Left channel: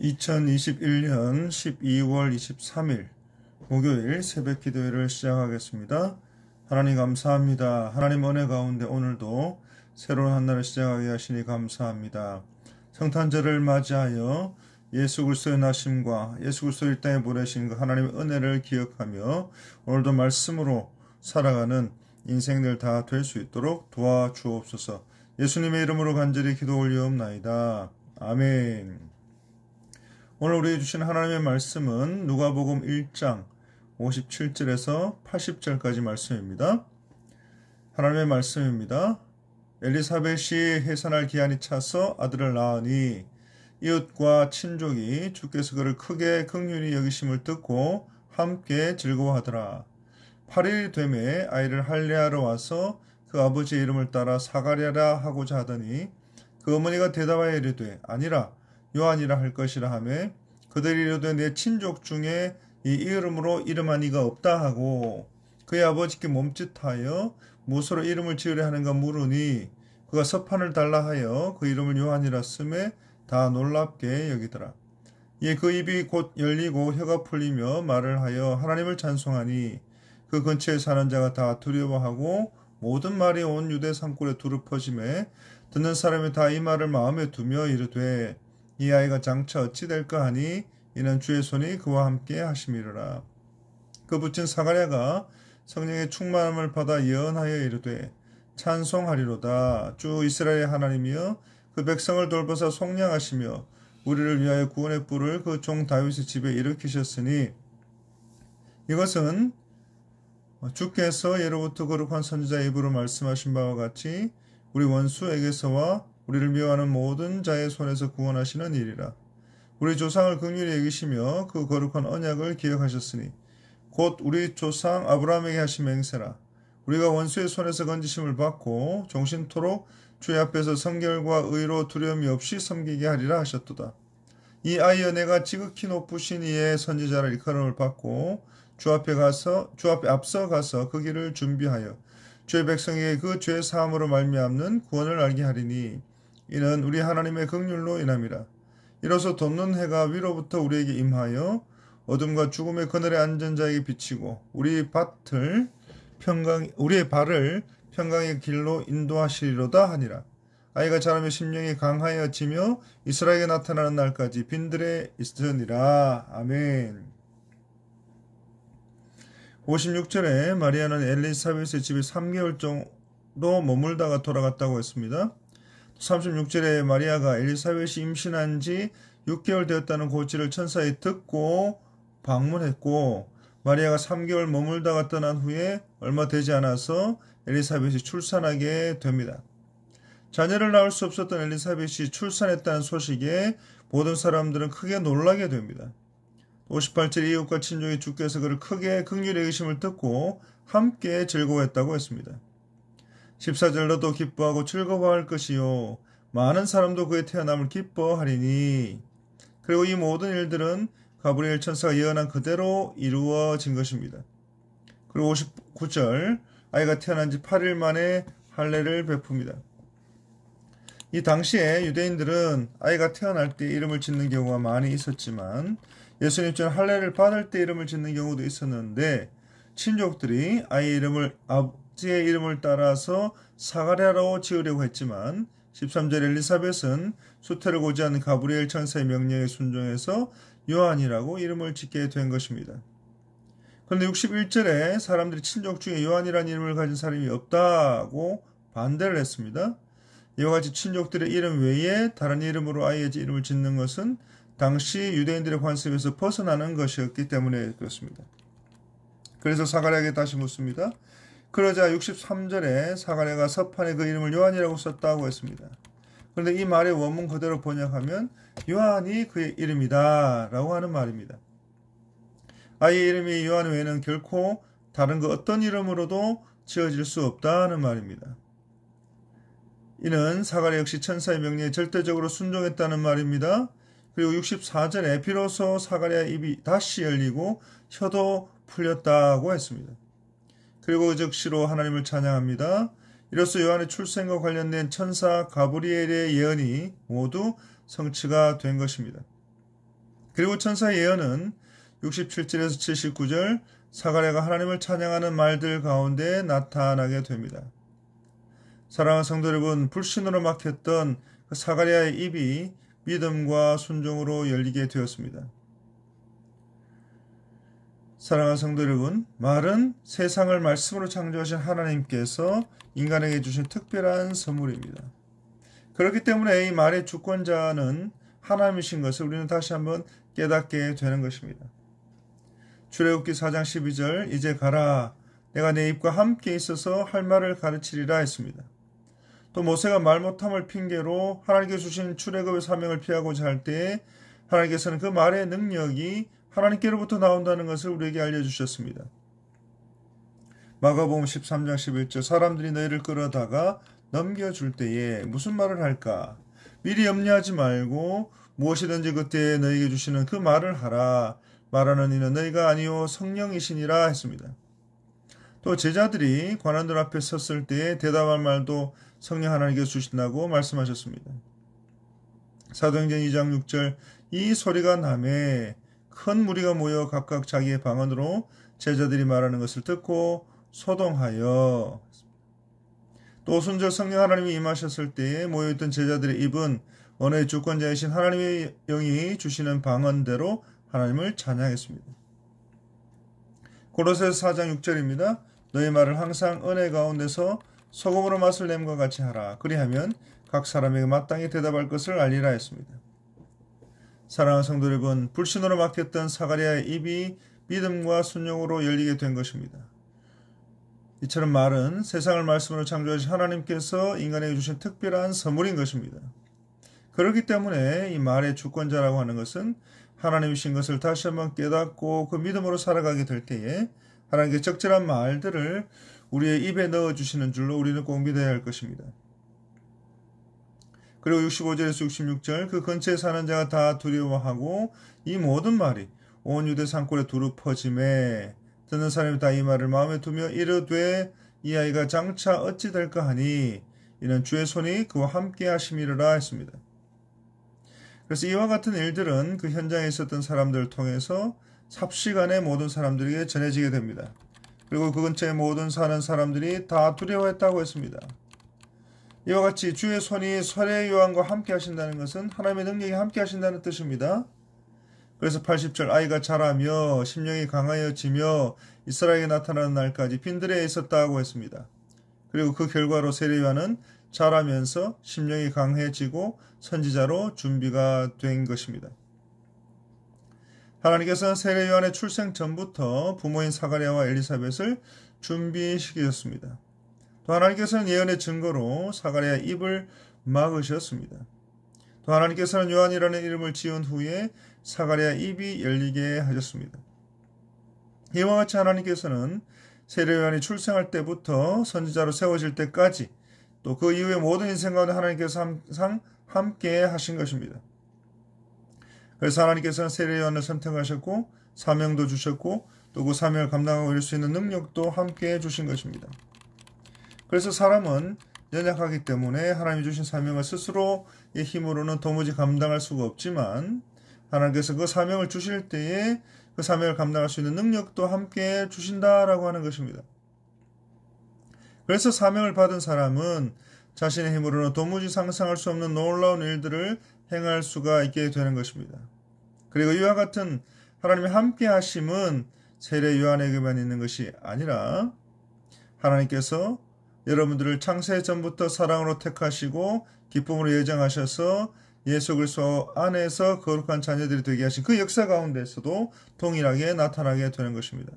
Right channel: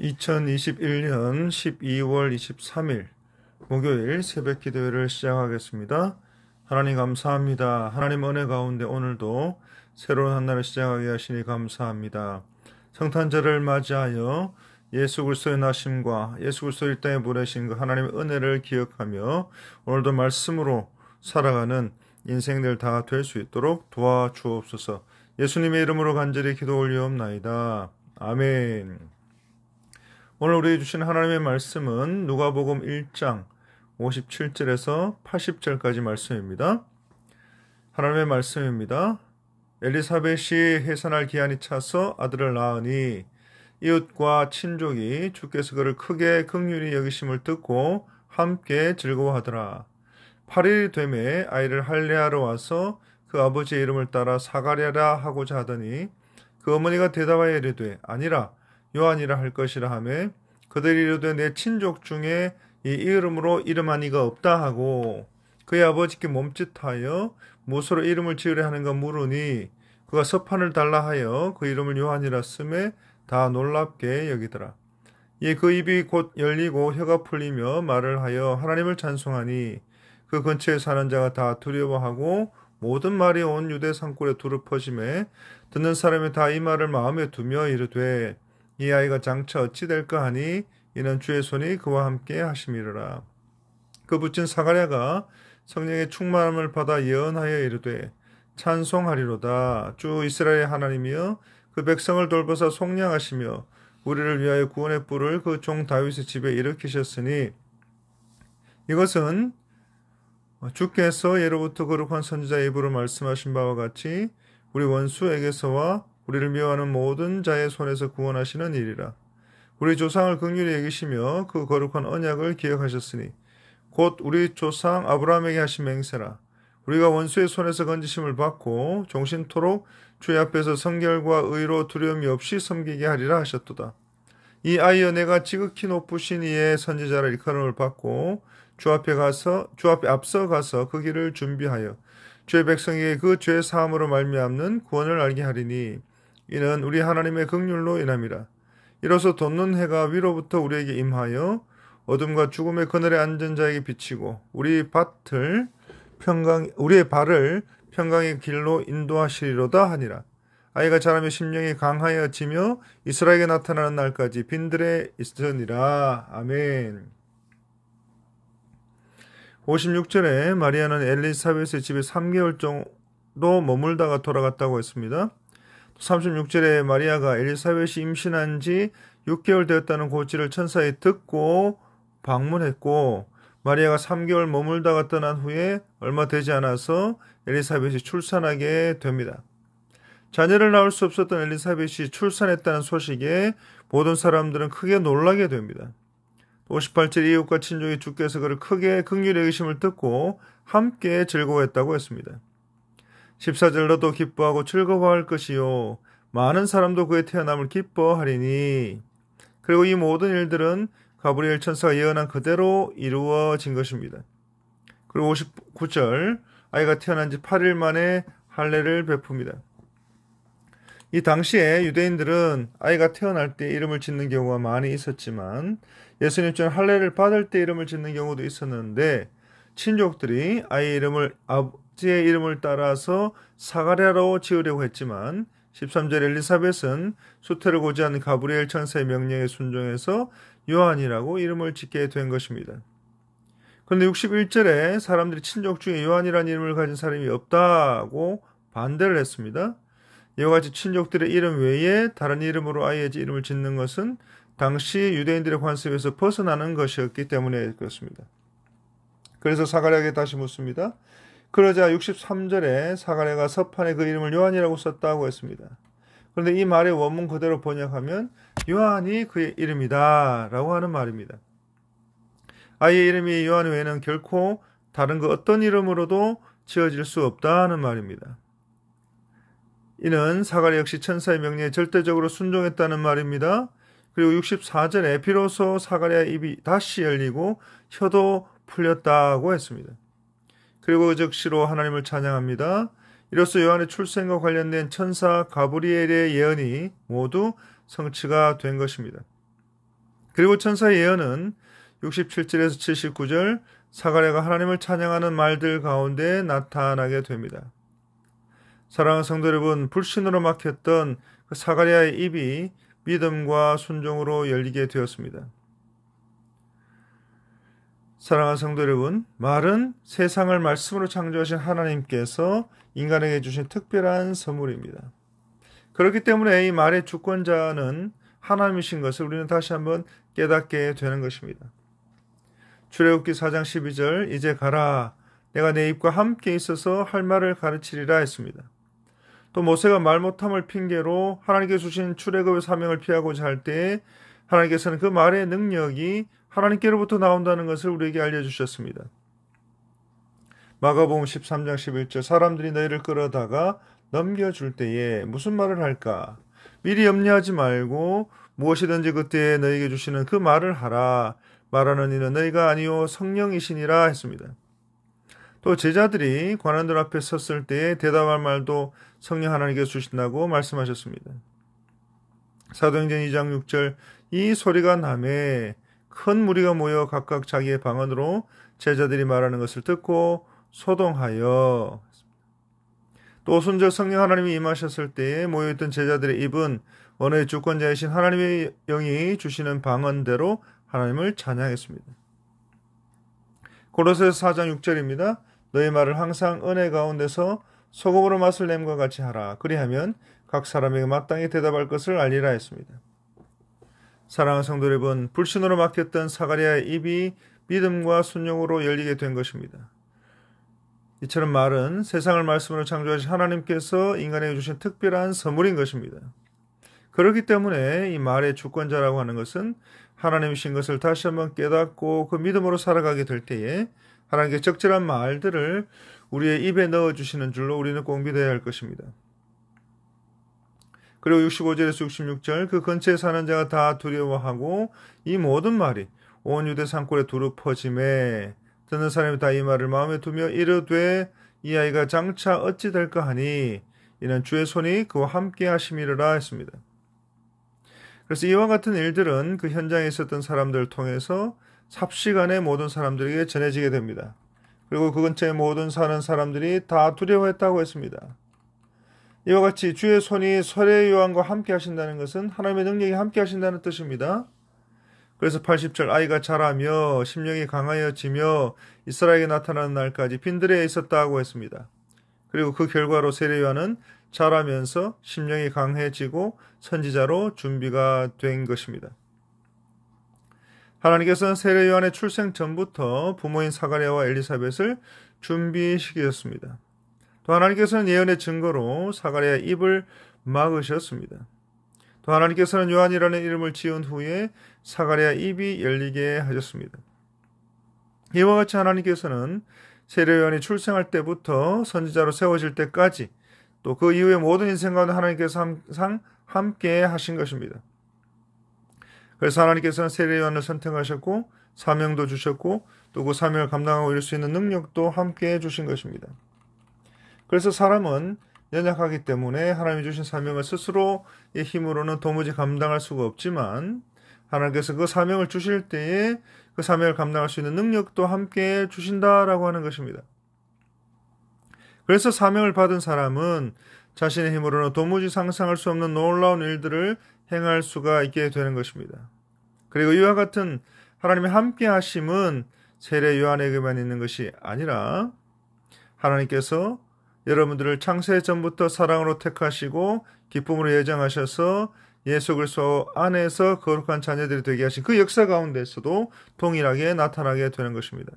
2021년 12월 23일 목요일 새벽 기도회를 시작하겠습니다. 하나님 감사합니다. 하나님 은혜 가운데 오늘도 새로운 한 날을 시작하게 하시니 감사합니다. 성탄절을 맞이하여 예수 그리스도의 나심과 예수 그리스도를 이 땅에 보내신 그 하나님의 은혜를 기억하며 오늘도 말씀으로 살아가는 인생들 다 될 수 있도록 도와주옵소서. 예수님의 이름으로 간절히 기도 올리옵나이다. 아멘. 오늘 우리에게 주신 하나님의 말씀은 누가복음 1장 57절에서 80절까지 말씀입니다. 하나님의 말씀입니다. 엘리사벳이 해산할 기한이 차서 아들을 낳으니 이웃과 친족이 주께서 그를 크게 긍휼히 여기심을 듣고 함께 즐거워하더라. 8일이 되매 아이를 할례하러 와서 그 아버지의 이름을 따라 사가랴라 하고자 하더니 그 어머니가 대답하여 이르되 아니라 요한이라 할 것이라 하매 그들이 이르되 내 친족 중에 이 이름으로 이름한 이가 없다 하고 그의 아버지께 몸짓하여 무엇으로 이름을 지으려 하는가 물으니 그가 서판을 달라 하여 그 이름을 요한이라 쓰매 다 놀랍게 여기더라. 이에 그 입이 곧 열리고 혀가 풀리며 말을 하여 하나님을 찬송하니 그 근처에 사는 자가 다 두려워하고 모든 말이 온 유대 산골에 두루 퍼지매 듣는 사람이 다 이 말을 마음에 두며 이르되 이 아이가 장차 어찌 될까 하니 이는 주의 손이 그와 함께 하심이로라. 그 붙인 사가랴가 성령의 충만함을 받아 예언하여 이르되 찬송하리로다. 주 이스라엘의 하나님이여 그 백성을 돌보사 속량하시며 우리를 위하여 구원의 뿔을 그 종 다윗의 집에 일으키셨으니 이것은 주께서 예로부터 거룩한 선지자의 입으로 말씀하신 바와 같이 우리 원수에게서와 우리를 미워하는 모든 자의 손에서 구원하시는 일이라. 우리 조상을 긍휼히 여기시며 그 거룩한 언약을 기억하셨으니 곧 우리 조상 아브라함에게 하신 맹세라. 우리가 원수의 손에서 건지심을 받고 종신토록 주의 앞에서 성결과 의로 두려움이 없이 섬기게 하리라 하셨도다. 이 아이여 내가 지극히 높으신 이의 선지자라 일컬음을 받고 주 앞에 앞서 가서 그 길을 준비하여 주의 백성에게 그 죄 사함으로 말미암는 구원을 알게 하리니 이는 우리 하나님의 긍휼로 인함이라. 이로써 돋는 해가 위로부터 우리에게 임하여 어둠과 죽음의 그늘에 앉은 자에게 비치고 우리의 발을 평강의 길로 인도하시리로다 하니라. 아이가 자라며 심령이 강하여지며 이스라엘에게 나타나는 날까지 빈들에 있으니라. 아멘. 56절에 마리아는 엘리사벳의 집에 3개월 정도 머물다가 돌아갔다고 했습니다. 36절에 마리아가 엘리사벳이 임신한 지 6개월 되었다는 고지를 천사에 듣고 방문했고 마리아가 3개월 머물다가 떠난 후에 얼마 되지 않아서 엘리사벳이 출산하게 됩니다. 자녀를 낳을 수 없었던 엘리사벳이 출산했다는 소식에 모든 사람들은 크게 놀라게 됩니다. 58절 이웃과 친족이 주께서 그를 크게 긍휼히 여기심을 듣고 함께 즐거워했다고 했습니다. 14절 너도 기뻐하고 즐거워할 것이요 많은 사람도 그의 태어남을 기뻐하리니 그리고 이 모든 일들은 가브리엘 천사가 예언한 그대로 이루어진 것입니다. 그리고 59절 아이가 태어난 지 8일 만에 할례를 베풉니다. 이 당시에 유대인들은 아이가 태어날 때 이름을 짓는 경우가 많이 있었지만 예수님처럼 할례를 받을 때 이름을 짓는 경우도 있었는데 친족들이 아이의 이름을 아버지의 이름을 따라서 사가랴로 지으려고 했지만 13절 엘리사벳은 수태를 고지한 가브리엘 천사의 명령에 순종해서 요한이라고 이름을 짓게 된 것입니다. 그런데 61절에 사람들이 친족 중에 요한이라는 이름을 가진 사람이 없다고 반대를 했습니다. 이와 같이 친족들의 이름 외에 다른 이름으로 아이의 이름을 짓는 것은 당시 유대인들의 관습에서 벗어나는 것이었기 때문에 그렇습니다. 그래서 사가랴에게 다시 묻습니다. 그러자 63절에 사가랴가 서판에 그 이름을 요한이라고 썼다고 했습니다. 그런데 이 말의 원문 그대로 번역하면 요한이 그의 이름이다 라고 하는 말입니다. 아이의 이름이 요한 외에는 결코 다른 그 어떤 이름으로도 지어질 수 없다는 말입니다. 이는 사가랴 역시 천사의 명령에 절대적으로 순종했다는 말입니다. 그리고 64절에 비로소 사가랴의 입이 다시 열리고 혀도 풀렸다고 했습니다. 그리고 즉시로 하나님을 찬양합니다. 이로써 요한의 출생과 관련된 천사 가브리엘의 예언이 모두 성취가 된 것입니다. 그리고 천사의 예언은 67절에서 79절 사가랴가 하나님을 찬양하는 말들 가운데 나타나게 됩니다. 사랑하는 성도 여러분, 불신으로 막혔던 그 사가랴의 입이 믿음과 순종으로 열리게 되었습니다. 사랑하는 성도 여러분, 말은 세상을 말씀으로 창조하신 하나님께서 인간에게 주신 특별한 선물입니다. 그렇기 때문에 이 말의 주권자는 하나님이신 것을 우리는 다시 한번 깨닫게 되는 것입니다. 출애굽기 4장 12절 이제 가라 내가 내 입과 함께 있어서 할 말을 가르치리라 했습니다. 또 모세가 말 못함을 핑계로 하나님께서 주신 출애굽의 사명을 피하고자 할 때에 하나님께서는 그 말의 능력이 하나님께로부터 나온다는 것을 우리에게 알려주셨습니다. 마가복음 13장 11절 사람들이 너희를 끌어다가 넘겨줄 때에 무슨 말을 할까? 미리 염려하지 말고 무엇이든지 그때에 너희에게 주시는 그 말을 하라. 말하는 이는 너희가 아니요 성령이시니라 했습니다. 또 제자들이 관원들 앞에 섰을 때에 대답할 말도 성령 하나님께서 주신다고 말씀하셨습니다. 사도행전 2장 6절 이 소리가 나매 큰 무리가 모여 각각 자기의 방언으로 제자들이 말하는 것을 듣고 소동하여 또 순절 성령 하나님이 임하셨을 때에 모여있던 제자들의 입은 언어의 주권자이신 하나님의 영이 주시는 방언대로 하나님을 찬양했습니다. 고로새서 4장 6절입니다. 너희 말을 항상 은혜 가운데서 소금으로 맛을 냄과 같이 하라. 그리하면 각 사람에게 마땅히 대답할 것을 알리라 했습니다. 사랑하는 성도 여러분, 불신으로 막혔던 사가랴의 입이 믿음과 순종으로 열리게 된 것입니다. 이처럼 말은 세상을 말씀으로 창조하신 하나님께서 인간에게 주신 특별한 선물인 것입니다. 그렇기 때문에 이 말의 주권자라고 하는 것은 하나님이신 것을 다시 한번 깨닫고 그 믿음으로 살아가게 될 때에 하나님께 적절한 말들을 우리의 입에 넣어주시는 줄로 우리는 꼭 믿어야 할 것입니다. 그리고 65절에서 66절 그 근처에 사는 자가 다 두려워하고 이 모든 말이 온 유대 산골에 두루 퍼짐에 듣는 사람이 다 이 말을 마음에 두며 이르되 이 아이가 장차 어찌 될까 하니 이는 주의 손이 그와 함께 하심이라 했습니다. 그래서 이와 같은 일들은 그 현장에 있었던 사람들을 통해서 삽시간에 모든 사람들에게 전해지게 됩니다. 그리고 그 근처에 모든 사는 사람들이 다 두려워했다고 했습니다. 이와 같이 주의 손이 세례 요한과 함께 하신다는 것은 하나님의 능력이 함께 하신다는 뜻입니다. 그래서 80절 아이가 자라며 심령이 강하여지며 이스라엘에 나타나는 날까지 빈들에 있었다고 했습니다. 그리고 그 결과로 세례 요한은 자라면서 심령이 강해지고 선지자로 준비가 된 것입니다. 하나님께서는 세례 요한의 출생 전부터 부모인 사가랴와 엘리사벳을 준비시키셨습니다. 또 하나님께서는 예언의 증거로 사가랴의 입을 막으셨습니다. 또 하나님께서는 요한이라는 이름을 지은 후에 사가랴의 입이 열리게 하셨습니다. 이와 같이 하나님께서는 세례 요한이 출생할 때부터 선지자로 세워질 때까지 또 그 이후의 모든 인생 가운데 하나님께서 항상 함께 하신 것입니다. 그래서 하나님께서는 세례 요한을 선택하셨고 사명도 주셨고 또 그 사명을 감당하고 이룰 수 있는 능력도 함께 주신 것입니다. 그래서 사람은 연약하기 때문에 하나님이 주신 사명을 스스로의 힘으로는 도무지 감당할 수가 없지만 하나님께서 그 사명을 주실 때에 그 사명을 감당할 수 있는 능력도 함께 주신다라고 하는 것입니다. 그래서 사명을 받은 사람은 자신의 힘으로는 도무지 상상할 수 없는 놀라운 일들을 행할 수가 있게 되는 것입니다. 그리고 이와 같은 하나님의 함께 하심은 세례 요한에게만 있는 것이 아니라 하나님께서 여러분들을 창세 전부터 사랑으로 택하시고 기쁨으로 예정하셔서 예수 그리스도 안에서 거룩한 자녀들이 되게 하신 그 역사 가운데서도 동일하게 나타나게 되는 것입니다.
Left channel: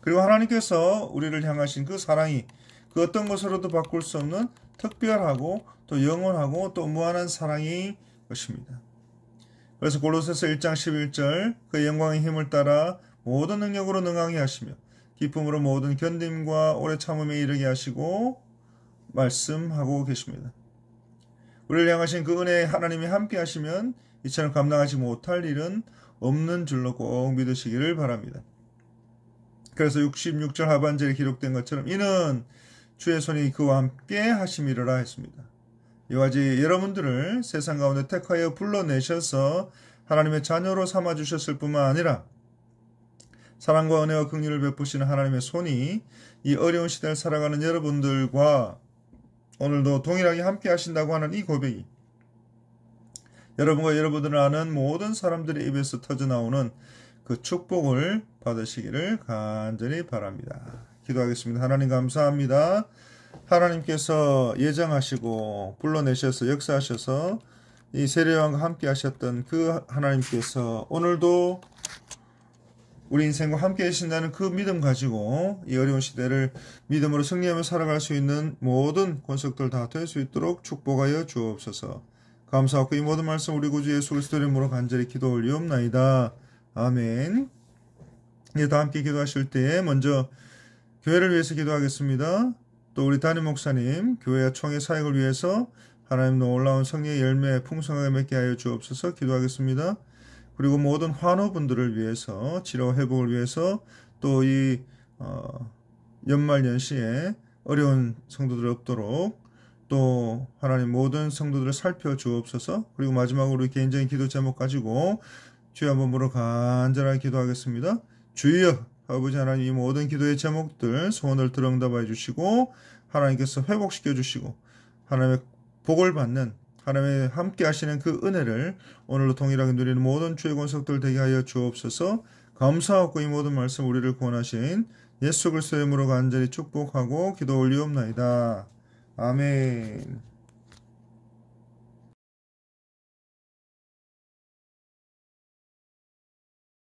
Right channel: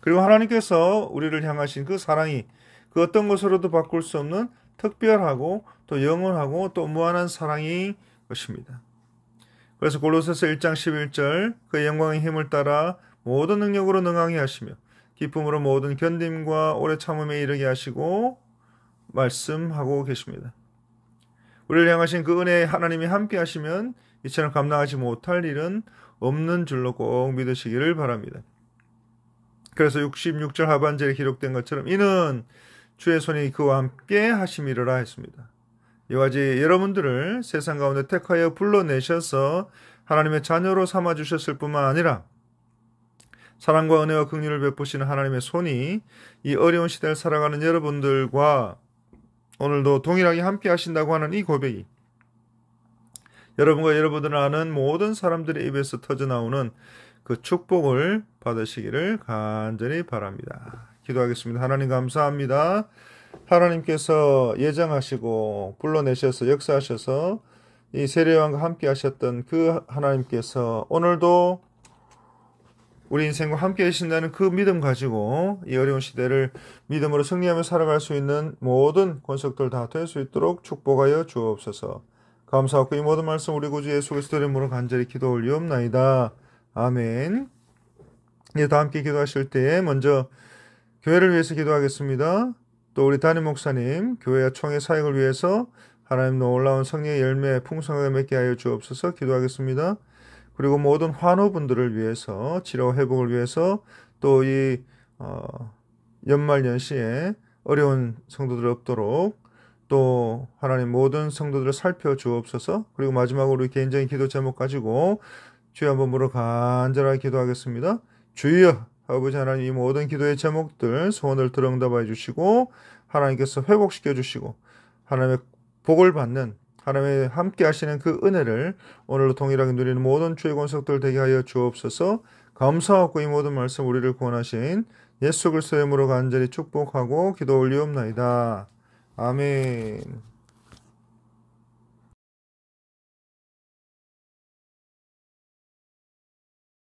그리고 하나님께서 우리를 향하신 그 사랑이 그 어떤 것으로도 바꿀 수 없는 특별하고 또 영원하고 또 무한한 사랑이 것입니다. 그래서 골로새서 1장 11절 그 영광의 힘을 따라 모든 능력으로 능하게 하시며 기쁨으로 모든 견딤과 오래 참음에 이르게 하시고 말씀하고 계십니다. 우리를 향하신 그 은혜의 하나님이 함께 하시면 이처럼 감당하지 못할 일은 없는 줄로 꼭 믿으시기를 바랍니다. 그래서 66절 하반절에 기록된 것처럼 이는 주의 손이 그와 함께 하심이라 했습니다. 이와 같이 여러분들을 세상 가운데 택하여 불러내셔서 하나님의 자녀로 삼아주셨을 뿐만 아니라 사랑과 은혜와 긍휼을 베푸시는 하나님의 손이 이 어려운 시대를 살아가는 여러분들과 오늘도 동일하게 함께 하신다고 하는 이 고백이 여러분과 여러분들 아는 모든 사람들의 입에서 터져나오는 그 축복을 받으시기를 간절히 바랍니다. 기도하겠습니다. 하나님 감사합니다. 하나님께서 예정하시고 불러내셔서 역사하셔서 이 세례요한과 함께 하셨던 그 하나님께서 오늘도 우리 인생과 함께 하신다는 그 믿음 가지고 이 어려운 시대를 믿음으로 승리하며 살아갈 수 있는 모든 권속들 다 될 수 있도록 축복하여 주옵소서. 감사하고 이 모든 말씀 우리 구주 예수 그리스도의 이름으로 간절히 기도 올리옵나이다. 아멘. 예, 다 함께 기도하실 때에 먼저 교회를 위해서 기도하겠습니다. 또 우리 담임 목사님, 교회와 총회 사역을 위해서 하나님 놀라운 성령의 열매 풍성하게 맺게 하여 주옵소서 기도하겠습니다. 그리고 모든 환우분들을 위해서 치료 회복을 위해서 또 이 연말 연시에 어려운 성도들 없도록 또 하나님 모든 성도들을 살펴주옵소서. 그리고 마지막으로 개인적인 기도 제목 가지고 주여 한번 물어 간절하게 기도하겠습니다. 주여 아버지 하나님 이 모든 기도의 제목들 소원을 들어 응답하여 주시고 하나님께서 회복시켜 주시고 하나님의 복을 받는 하나님의 함께 하시는 그 은혜를 오늘로 동일하게 누리는 모든 주의 권속들 되게 하여 주옵소서. 감사하고 이 모든 말씀 우리를 구원하신 예수 그리스도의 이름으로 간절히 축복하고 기도 올리옵나이다. 아멘.